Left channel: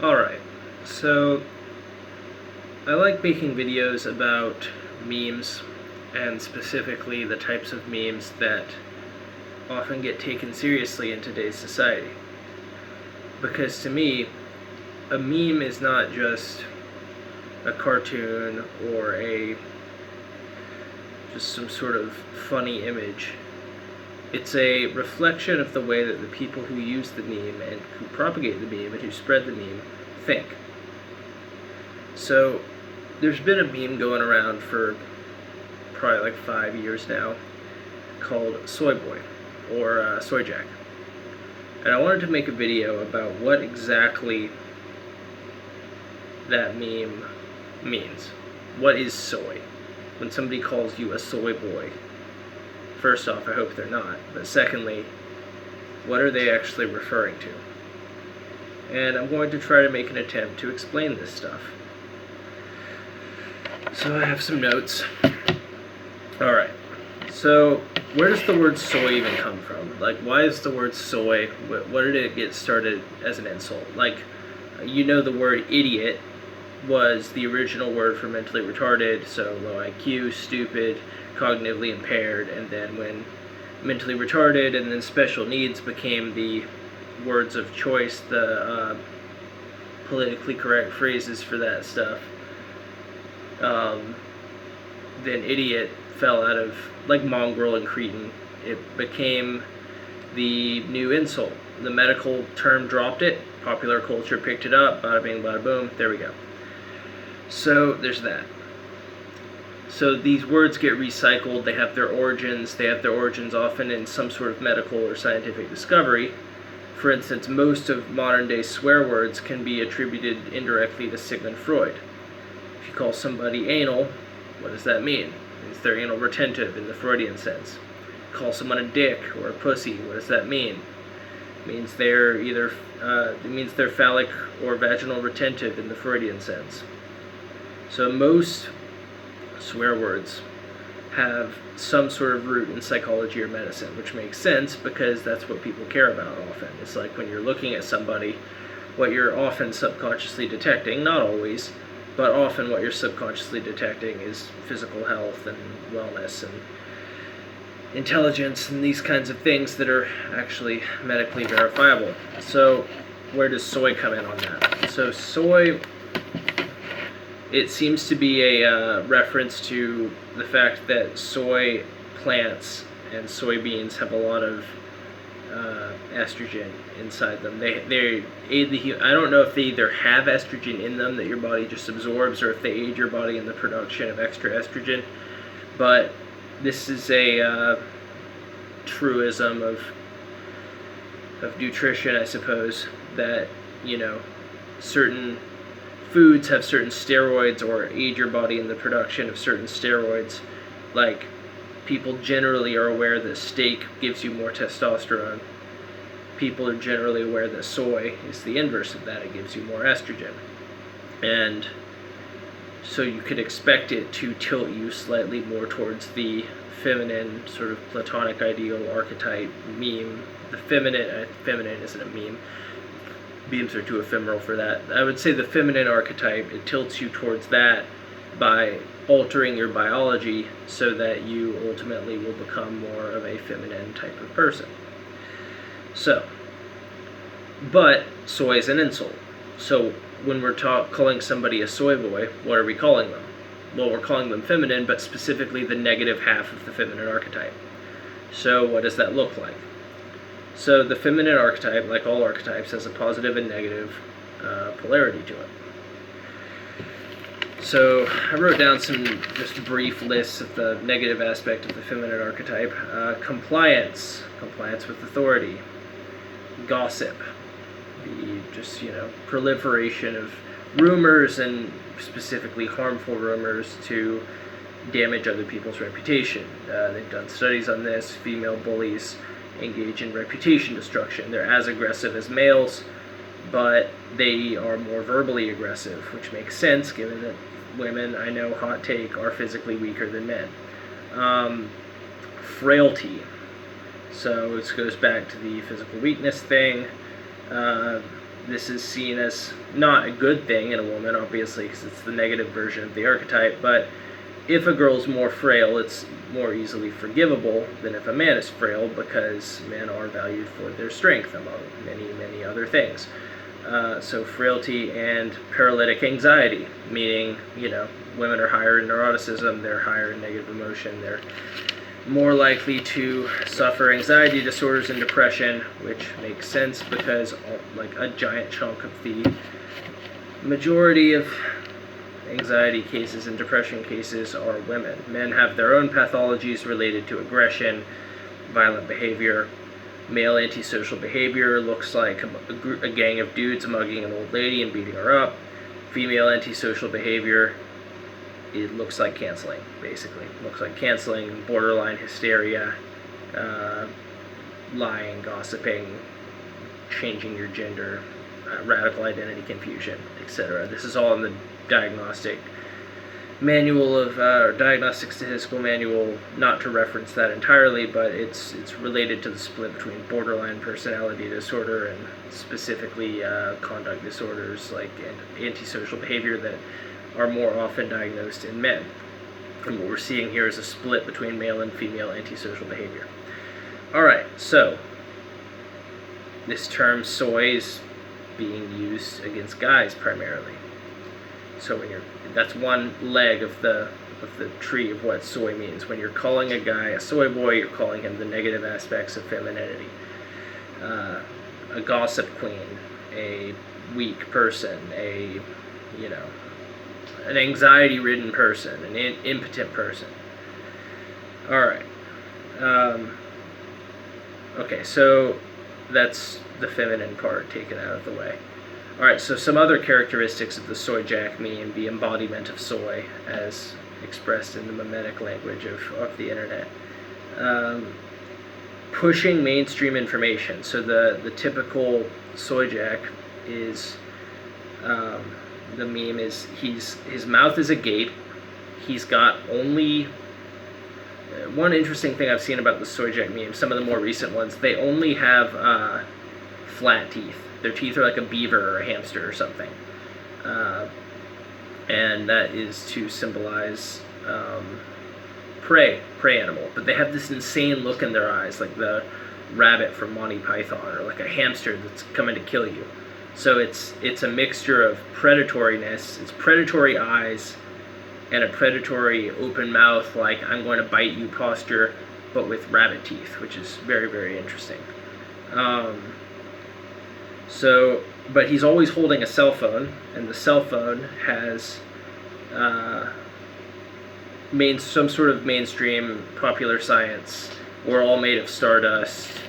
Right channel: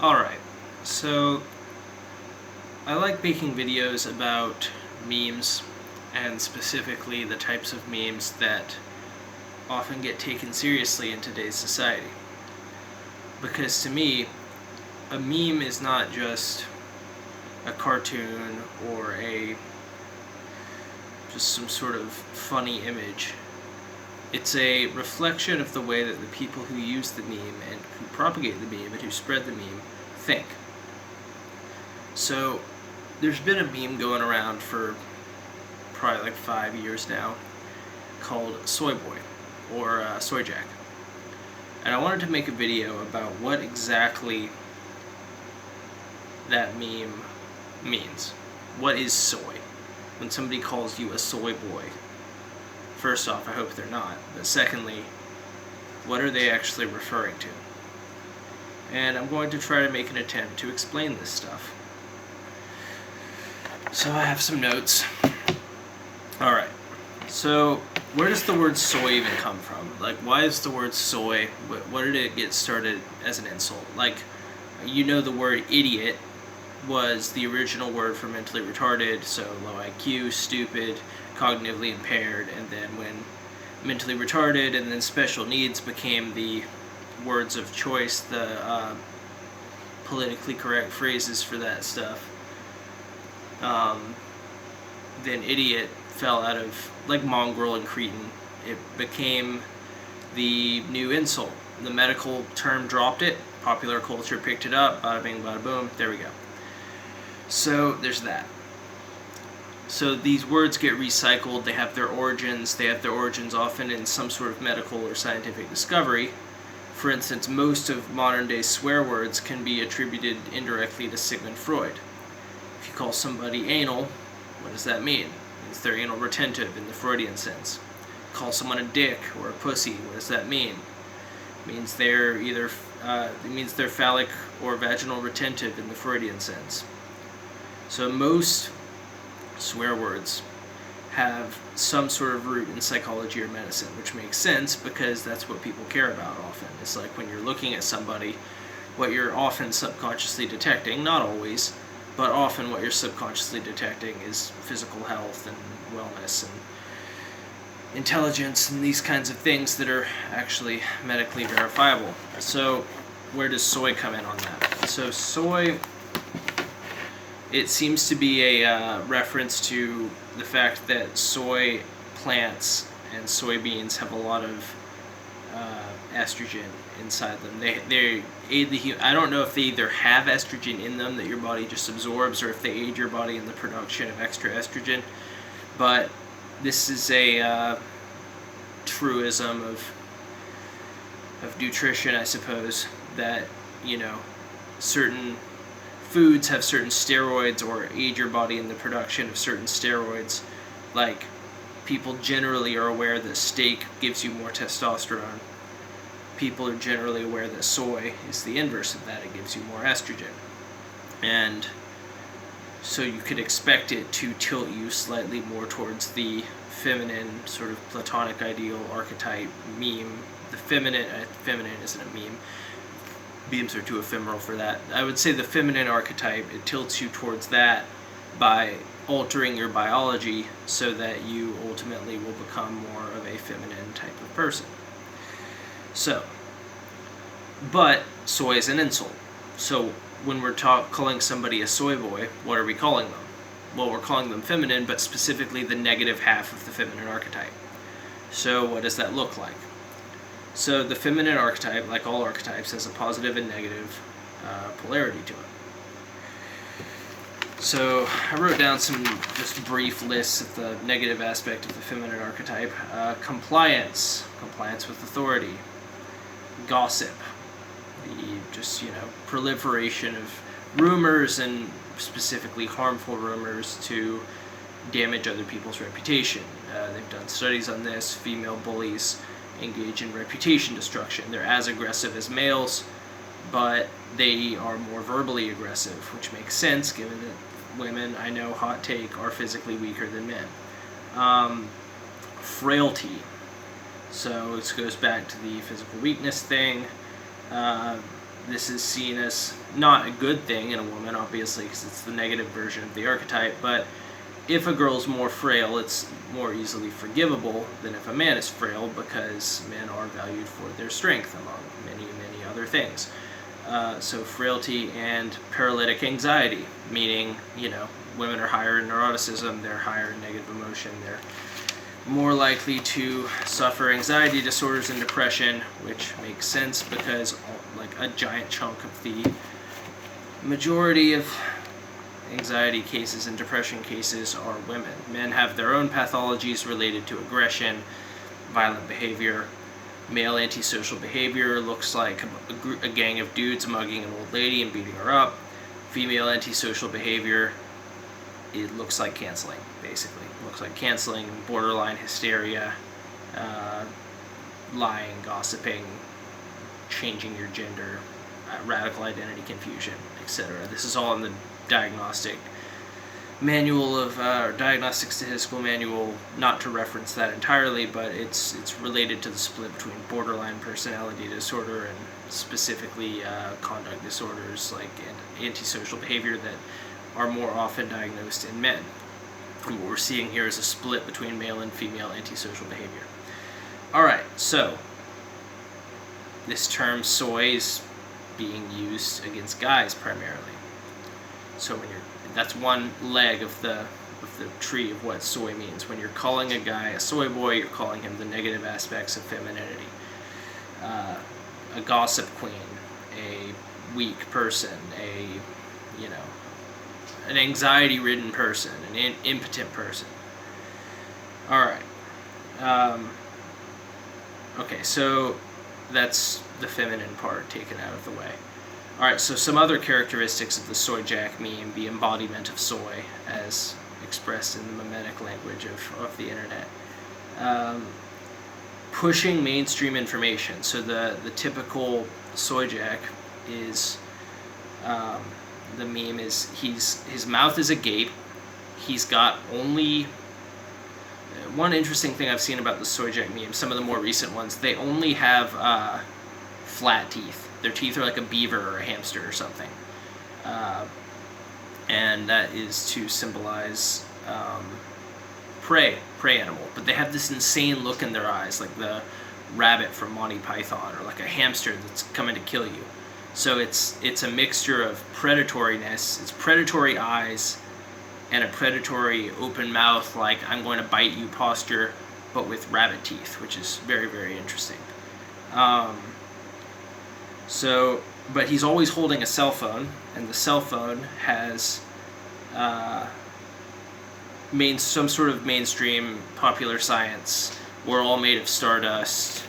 Alright, so I like making videos about memes, and specifically the types of memes that often get taken seriously in today's society. Because to me, a meme is not just a cartoon or just some sort of funny image. It's a reflection of the way that the people who use the meme and who propagate the meme and who spread the meme think. So, there's been a meme going around for probably like 5 years now called Soy Boy or Soyjack. And I wanted to make a video about what exactly that meme means. What is soy? When somebody calls you a soy boy, first off, I hope they're not, but secondly, what are they actually referring to? And I'm going to try to make an attempt to explain this stuff. So I have some notes. Alright, so where does the word soy even come from? Like, why is the word soy, what did it get started as an insult? Like, you know, the word idiot was the original word for mentally retarded, so low IQ, stupid, cognitively impaired, and then when mentally retarded and then special needs became the words of choice, the politically correct phrases for that stuff, then idiot fell out of, like mongrel and cretin, it became the new insult. The medical term dropped it, popular culture picked it up, bada bing, bada boom, there we go. So there's that. So these words get recycled, they have their origins often in some sort of medical or scientific discovery. For instance, most of modern day swear words can be attributed indirectly to Sigmund Freud. If you call somebody anal, what does that mean? It means they're anal retentive in the Freudian sense. Call someone a dick or a pussy, what does that mean? It means they're they're phallic or vaginal retentive in the Freudian sense. So most swear words have some sort of root in psychology or medicine, which makes sense because that's what people care about often. It's like when you're looking at somebody, what you're often subconsciously detecting, not always, but often what you're subconsciously detecting is physical health and wellness and intelligence and these kinds of things that are actually medically verifiable. So where does soy come in on that? So soy, it seems to be a reference to the fact that soy plants and soybeans have a lot of estrogen inside them. They aid the I don't know if they either have estrogen in them that your body just absorbs, or if they aid your body in the production of extra estrogen. But this is a truism of nutrition, I suppose, that, you know, certain foods have certain steroids or aid your body in the production of certain steroids. Like, people generally are aware that steak gives you more testosterone. People are generally aware that soy is the inverse of that. It gives you more estrogen. And so you could expect it to tilt you slightly more towards the feminine, sort of platonic ideal archetype meme. The feminine isn't a meme. Memes are too ephemeral for that. I would say the feminine archetype, it tilts you towards that by altering your biology so that you ultimately will become more of a feminine type of person. So, but soy is an insult. So when we're calling somebody a soy boy, what are we calling them? Well, we're calling them feminine, but specifically the negative half of the feminine archetype. So what does that look like? So the feminine archetype, like all archetypes, has a positive and negative polarity to it. So I wrote down some just brief lists of the negative aspect of the feminine archetype. Compliance with authority. Gossip, the just, proliferation of rumors, and specifically harmful rumors to damage other people's reputation. They've done studies on this. Female bullies engage in reputation destruction. They're as aggressive as males, but they are more verbally aggressive, which makes sense given that women, I know, hot take, are physically weaker than men. Frailty. So this goes back to the physical weakness thing. this is seen as not a good thing in a woman, obviously, because it's the negative version of the archetype, but if a girl's more frail, it's more easily forgivable than if a man is frail, because men are valued for their strength, among many, many other things. So frailty and paralytic anxiety, meaning, women are higher in neuroticism, they're higher in negative emotion, they're more likely to suffer anxiety disorders and depression, which makes sense because like a giant chunk of the majority of anxiety cases and depression cases are women. Men have their own pathologies related to aggression, violent behavior. Male antisocial behavior looks like a gang of dudes mugging an old lady and beating her up. Female antisocial behavior, it looks like canceling, basically. It looks like canceling, borderline hysteria, lying, gossiping, changing your gender, radical identity confusion, etc. This is all in the diagnostic manual of diagnostic statistical manual, not to reference that entirely, but it's related to the split between borderline personality disorder and specifically conduct disorders like antisocial behavior that are more often diagnosed in men. And what we're seeing here is a split between male and female antisocial behavior. Alright, so this term soy is being used against guys primarily. So that's one leg of the tree of what soy means. When you're calling a guy a soy boy, you're calling him the negative aspects of femininity. A gossip queen, a weak person, an anxiety-ridden person, an impotent person. Alright. Okay, so that's the feminine part taken out of the way. Alright, so some other characteristics of the Soyjack meme, the embodiment of soy, as expressed in the mimetic language of the internet. Pushing mainstream information. So the typical Soyjack is, the meme is, his mouth is a gate, he's got only, one interesting thing I've seen about the Soyjack meme, some of the more recent ones, they only have flat teeth. Their teeth are like a beaver or a hamster or something. And that is to symbolize prey animal. But they have this insane look in their eyes, like the rabbit from Monty Python, or like a hamster that's coming to kill you. So it's a mixture of predatoriness, it's predatory eyes, and a predatory open mouth, like I'm going to bite you posture, but with rabbit teeth, which is very, very interesting. But he's always holding a cell phone, and the cell phone has some sort of mainstream popular science, we're all made of stardust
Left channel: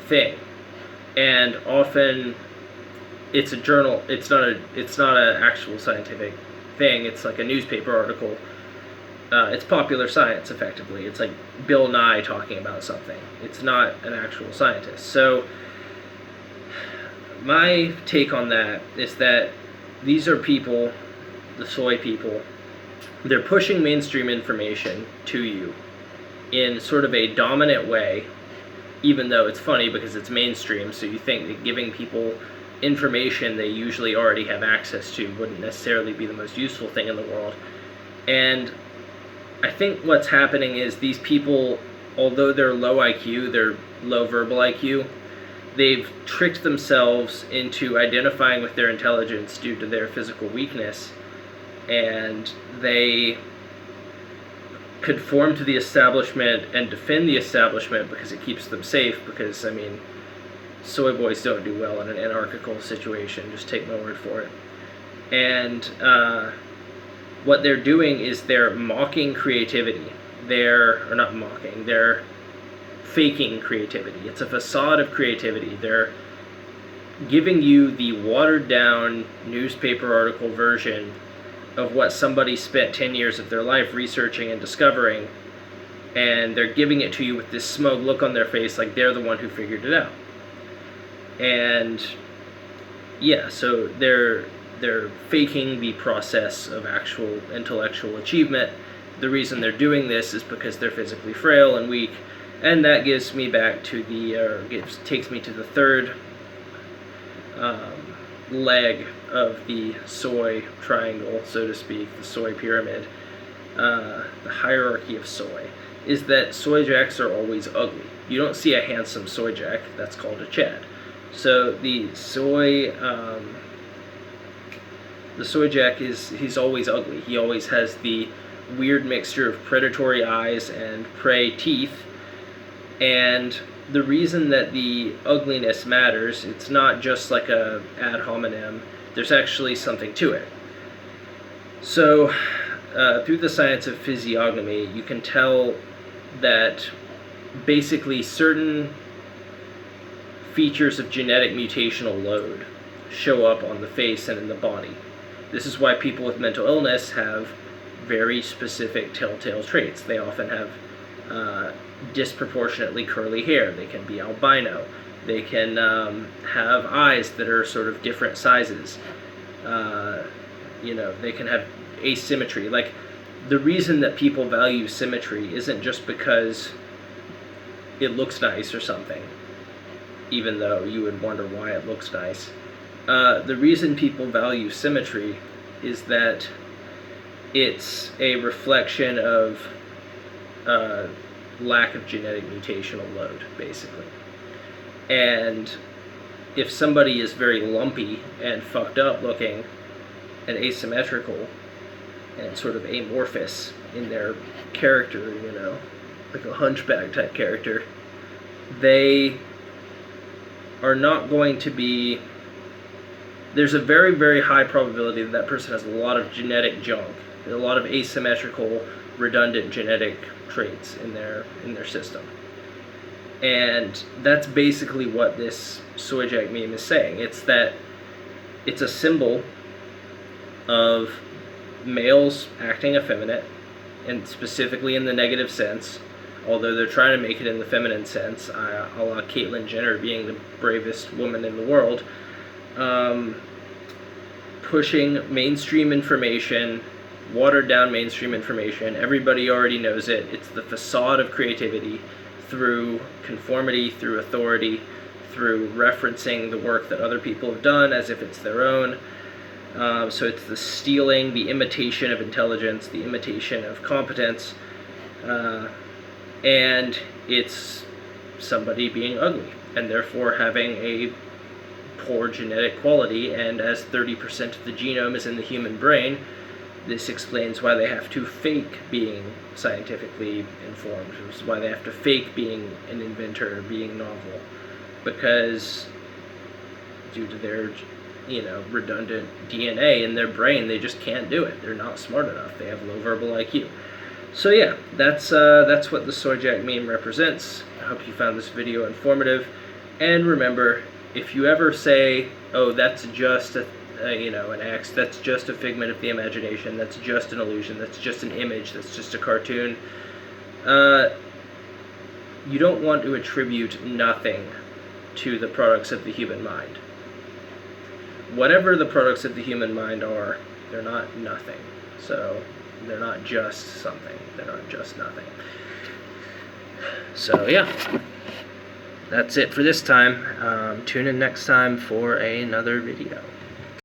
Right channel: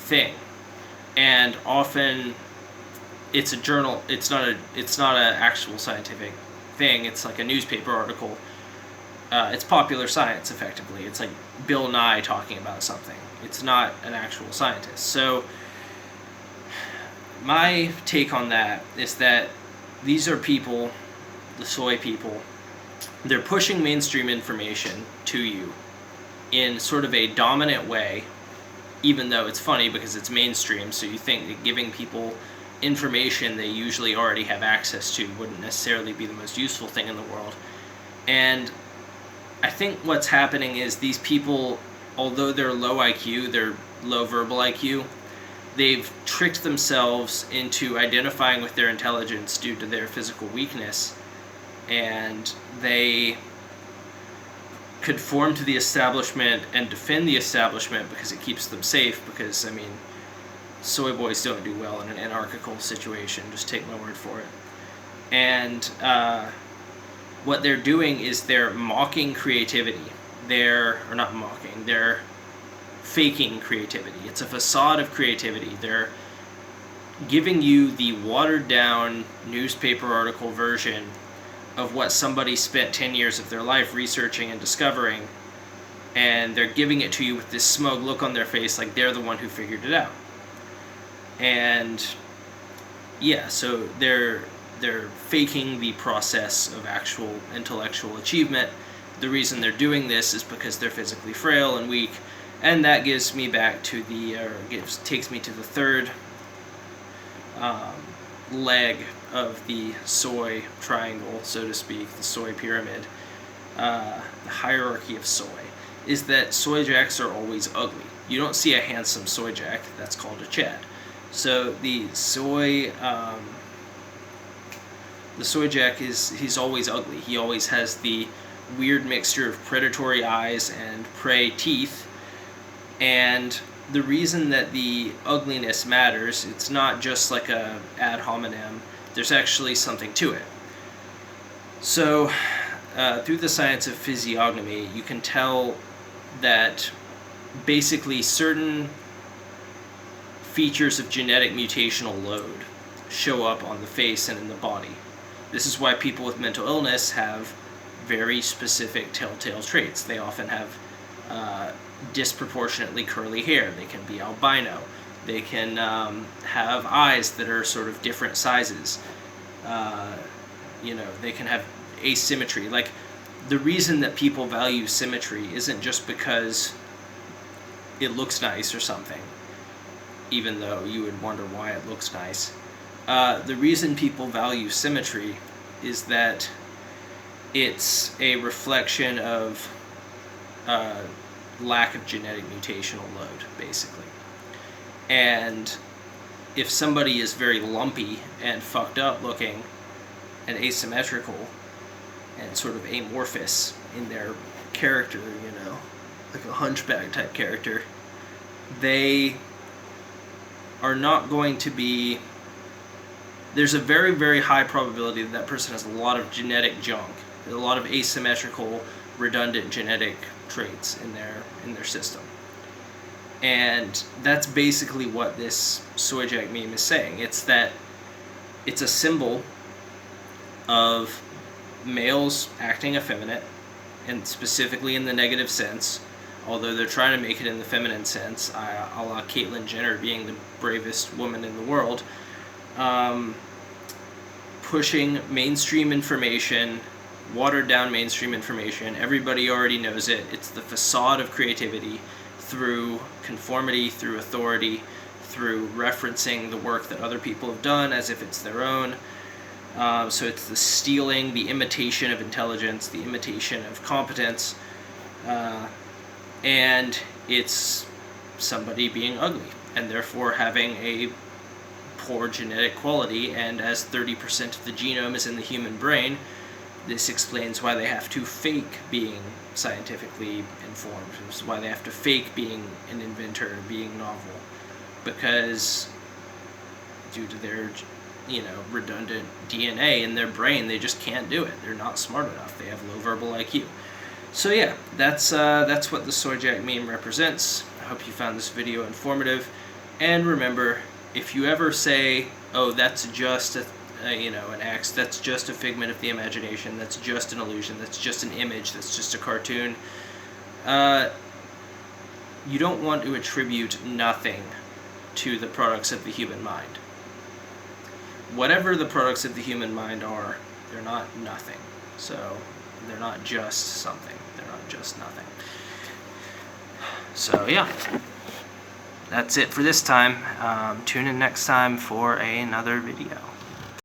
thing. And often it's a journal, it's not an actual scientific thing, it's like a newspaper article. It's popular science, effectively. It's like Bill Nye talking about something. It's not an actual scientist. So my take on that is that these are people, the soy people, they're pushing mainstream information to you in sort of a dominant way, even though it's funny because it's mainstream, so you think that giving people information they usually already have access to wouldn't necessarily be the most useful thing in the world. And I think what's happening is these people, although they're low IQ, they're low verbal IQ, they've tricked themselves into identifying with their intelligence due to their physical weakness, and they conform to the establishment and defend the establishment because it keeps them safe, because, I mean, soy boys don't do well in an anarchical situation, just take my word for it. And what they're doing is they're mocking creativity. They're faking creativity. It's a facade of creativity. They're giving you the watered down newspaper article version of what somebody spent 10 years of their life researching and discovering, and they're giving it to you with this smug look on their face like they're the one who figured it out. And yeah, so they're faking the process of actual intellectual achievement. The reason they're doing this is because they're physically frail and weak. And that gives me back to takes me to the third leg of the soy triangle, so to speak, the soy pyramid, the hierarchy of soy, is that Soyjacks are always ugly. You don't see a handsome Soyjack. That's called a Chad. So the Soyjack he's always ugly. He always has the weird mixture of predatory eyes and prey teeth. And the reason that the ugliness matters, it's not just like a ad hominem. There's actually something to it. So through the science of physiognomy, you can tell that basically certain features of genetic mutational load show up on the face and in the body. This is why people with mental illness have very specific telltale traits. They often have disproportionately curly hair. They can be albino. They can have eyes that are sort of different sizes. They can have asymmetry. Like, the reason that people value symmetry isn't just because it looks nice or something, even though you would wonder why it looks nice. The reason people value symmetry is that it's a reflection of lack of genetic mutational load, basically. And if somebody is very lumpy and fucked up looking and asymmetrical and sort of amorphous in their character, like a hunchback type character, they are not going to be... There's a very, very high probability that person has a lot of genetic junk, a lot of asymmetrical, redundant genetic traits in their system. And that's basically what this Soyjack meme is saying. It's that it's a symbol of males acting effeminate, and specifically in the negative sense, although they're trying to make it in the feminine sense, a la Caitlyn Jenner being the bravest woman in the world, pushing mainstream information, watered down mainstream information. Everybody already knows it. It's the facade of creativity through conformity, through authority, through referencing the work that other people have done as if it's their own. So it's the stealing, the imitation of intelligence, the imitation of competence, and it's somebody being ugly and therefore having a poor genetic quality. And as 30% of the genome is in the human brain, this explains why they have to fake being scientifically informed. This is why they have to fake being an inventor or being novel, because due to their redundant DNA in their brain, they just can't do it. They're not smart enough. They have low verbal IQ. So yeah, that's what the Soyjack meme represents. I hope you found this video informative. And remember, if you ever say, "Oh, that's just an X, that's just a figment of the imagination, that's just an illusion, that's just an image, that's just a cartoon," you don't want to attribute nothing to the products of the human mind. Whatever the products of the human mind are, they're not nothing. So they're not just something. They're not just nothing. So yeah, that's it for this time. Tune in next time for another video.